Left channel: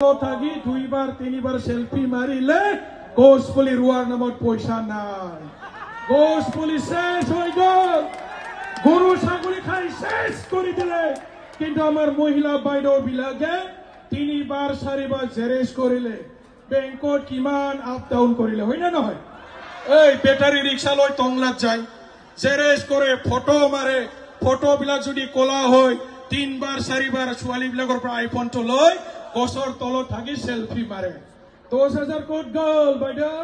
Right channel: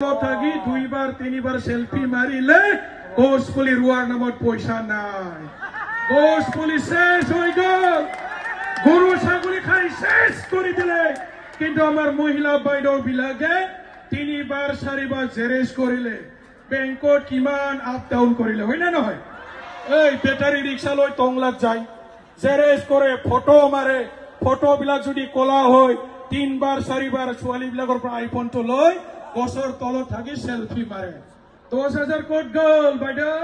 থাকি দুইবার তিনিবার সেলফি মারিলে গোসপুলি রুয়ার নামত পয়সা নাই। গোসপুলি শেষ হয়ে গেল, গরু ছাগলি খাই শেষ করে দিলে। কিন্তু আমার মহিলা বাইদেউ বিলাকে তিনিবার চারিবার জেরেজ করিলে, বেংকত কিমান আপ ডাউন করিলে, হয় না নহয়? এই বেটারি রিক্সা লৈ টংলাত যায়, জেৰেজ কৰে, ফটো মাৰে, ফটো বিলাক যদি কলা হয় তিনবাৰ চাৰিবাৰ ছোৱালী বিলাকৰ পৰা আইফোনটো লৈ গছৰ তলত থাকি সেলফি মাৰে। 10,000 ক'ত গ'ল বাইদেউ?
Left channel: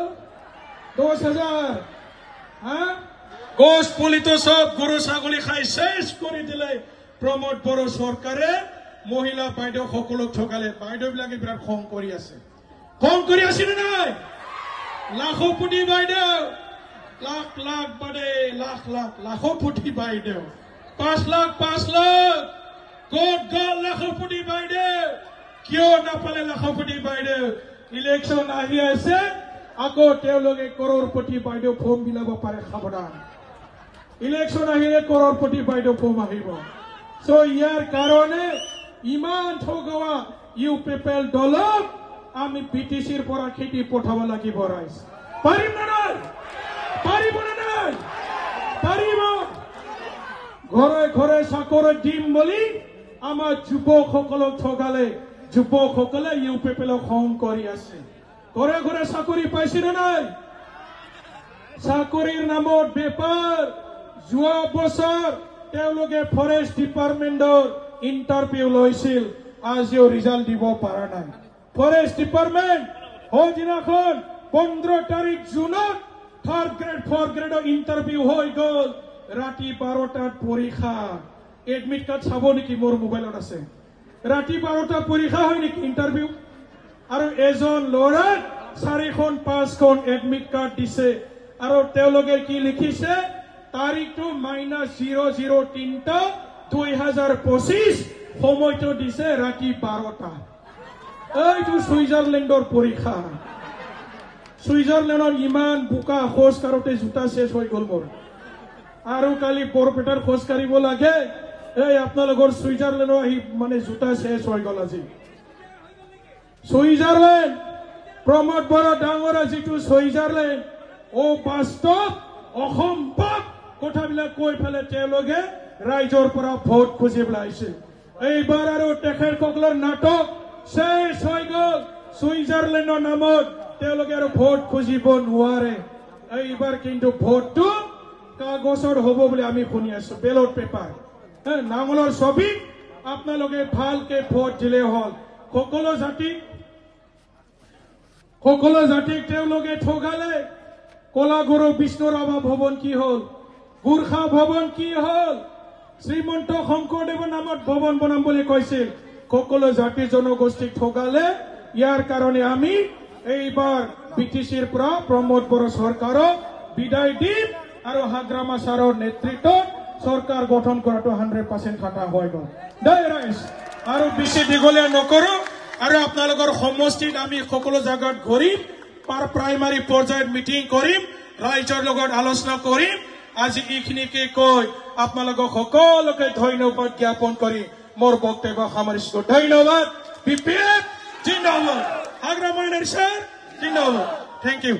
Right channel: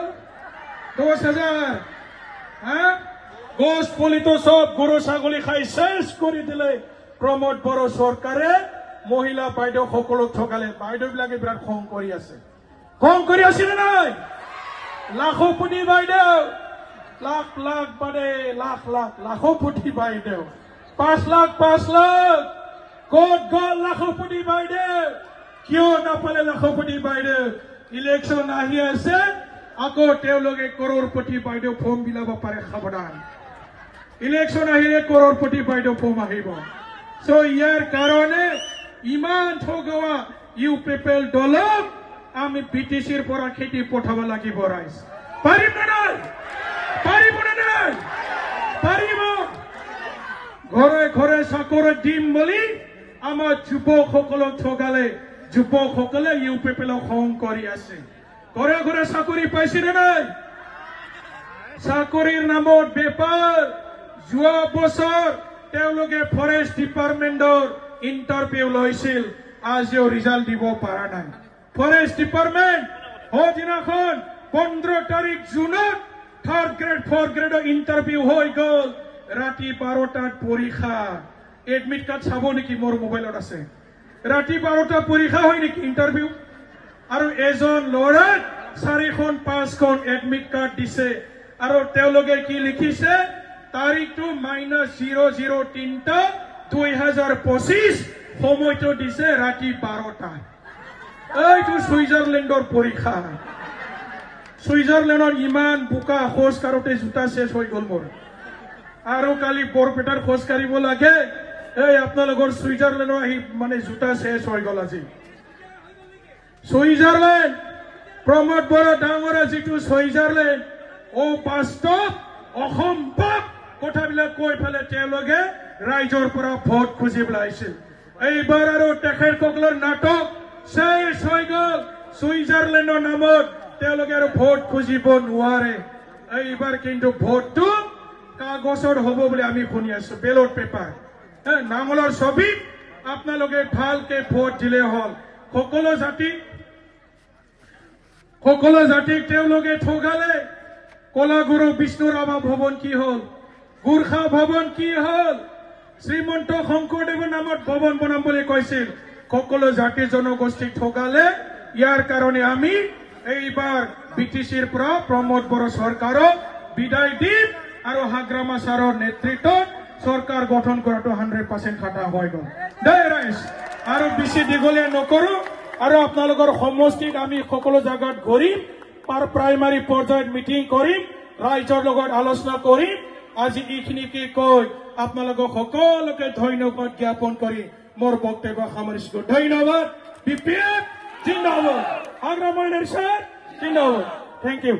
10,000 গছ পুলিটো সব গরু ছাগলী খাই শেষ করে দিলে। প্রমোদ বড় সরকারে মহিলা বাইদেউ সকলক ঠকালে। বাইদেউ বিলাকে বিরাট খং কৰি আছে, খং কৰি আছে নে নাই? লাখপতি বাইদেউ, লাখ লাখ বাদে লাখ লাখ লাখপতি বাইদেউ, 5 লাখ 5 লাখ ক'ত গ'ল লাখপতি বাইদেউ? কিয় নাপালে লাখপতি বাইদেউ? ইলেকশন আহি আছে, আকৌ তেওঁলোকে কৰৰপতি বাইদেউ ফৰ্ম বিলাব পাৰে। সাৱধান, ইলেকশন আহিলে কৰৰপতি বাইদেউ ফৰ্ম আহিব। সো ইয়াৰ কাৰণে ইমান ঠগোৱা ইউপিপিএল দলক আমি বিটিচিৰ পৰা খেতি পঠাব লাগিব। ৰাইজ পাৰিম নে নাই? পাৰিব নে নাই? পাৰিব। ঘৰে ঘৰে চাকৰি দিম বুলি আমাৰ যুৱকসকলক ঠগালে। যুৱকসকলে ইউপিপিএলক খং কৰি আছে। ঘৰে ঘৰে চাকৰি পাইছে নে নাই? চাকৰিৰ নামত বেপাৰ। যোৱা বছৰ তেওঁলোকে ফৰেষ্ট ডিপাৰ্টমেণ্টৰ ইণ্টাৰভিউ লৈছিল, আজিও ৰিজাল্ট দিব পৰা নাই। ফৰেষ্ট ডিপাৰ্টমেণ্ট সদিনাখন 15 তাৰিখ জুনত 3rd গ্ৰেড 4th গ্ৰেডৰ ইণ্টাৰভিউ হৈ গ'ল। ৰাতি 12টাত পৰীক্ষা। এডমিট কাৰ্ড চাব নেকি? মোৰ মোবাইলত আছে। ৰাতি 12টা পৰীক্ষা হয় নেকি ইণ্টাৰভিউ? আৰু এজন ল'ৰাক 4খন 5খন এডমিট কাৰ্ড দিছে। আৰু তেওঁলোকে কি লিখিছে? তাৰিখটো -00-3-2025, সময়টো দিছে ৰাতি 12টা। এইটো ছুইজাৰলেণ্ডৰ পৰীক্ষা। ছুইজাৰলেণ্ডৰ ইমান বোকা, খোজ কাঢ়োতে জোতা শেষ হৈ গ'ল মোৰ। আৰু কালি বৰপেটাৰ খোজ কাঢ়িব লাগে, এই আপোনালোকৰ ছুইজাৰলেণ্ডৰ আহি মানে জোতা শেষ হৈ গ'ল আজি। ছুইজাৰলেণ্ড, প্ৰমোদ বৰা ডাঙৰ যিটো ছুইজাৰলেণ্ড, বাস্তৱ অসম্ভৱ কথাবিলাক কৈ পেলে তেওঁলোকে ৰাইজৰ পৰা ভোট খুজিবলৈ আহিছিল। এইবাৰ আৰু তেখেতসকলৰ নাটক শেষ হৈ গ'ল। ছুইজাৰলেণ্ডৰ নামত তেওঁলোকে আৰু ভোট খুজিব নোৱাৰে। এইবাৰ কিন্তু ভোটটো কাগজৰ হ'ব বুলি আমি শুনি আছো, বেলট পেপাৰ, নাঙলৰ ছবিত আপোনালোকে ভালকে ভোট দিলে হ'ল। সকলো জাতিক তেওঁলোকে ঠগালে। কলাগুৰু বিষ্ণুৰাভা ভৱন কি হ'ল? গুৰ্খা ভৱন কি হ'ল? শ্ৰীমন্ত শংকৰদেৱৰ নামত ভৱন বনাম বুলি কৈছিল। সকলো জাতি জনগোষ্ঠীক ঠগালে। ইয়াৰ কাৰণে আমি এইবাৰ বিটিচিৰ পৰা প্ৰমোদ বড়ো চৰকাৰক বিদায় দিম আৰু হাগ্ৰামা ছাৰৰ নেতৃত্বত চৰকাৰ গঠন কৰাটো 100% খাটা হৈ গ'ল। দেই ৰাইজ, আৰু বেছি দীঘলীয়া নকৰো। আৰু আপোনালোকৰ সমষ্টিত আমি সকলো জাগাত ঘূৰিম, প্ৰাইমাৰী পৰ্যায়ত মিটিং কৰিম, ৰাইজৰ লগত আলোচনা কৰিম। আজি এইখিনিকে কৈ আপোনালোকক সকলোকে ধন্যবাদ জ্ঞাপন কৰি মোৰ বক্তব্য সামৰিছো। ধন্যবাদ। বিপিএফ জিন্দাবাদ, হাগ্ৰামা নেশ্যন জিন্দাবাদ। Thank U.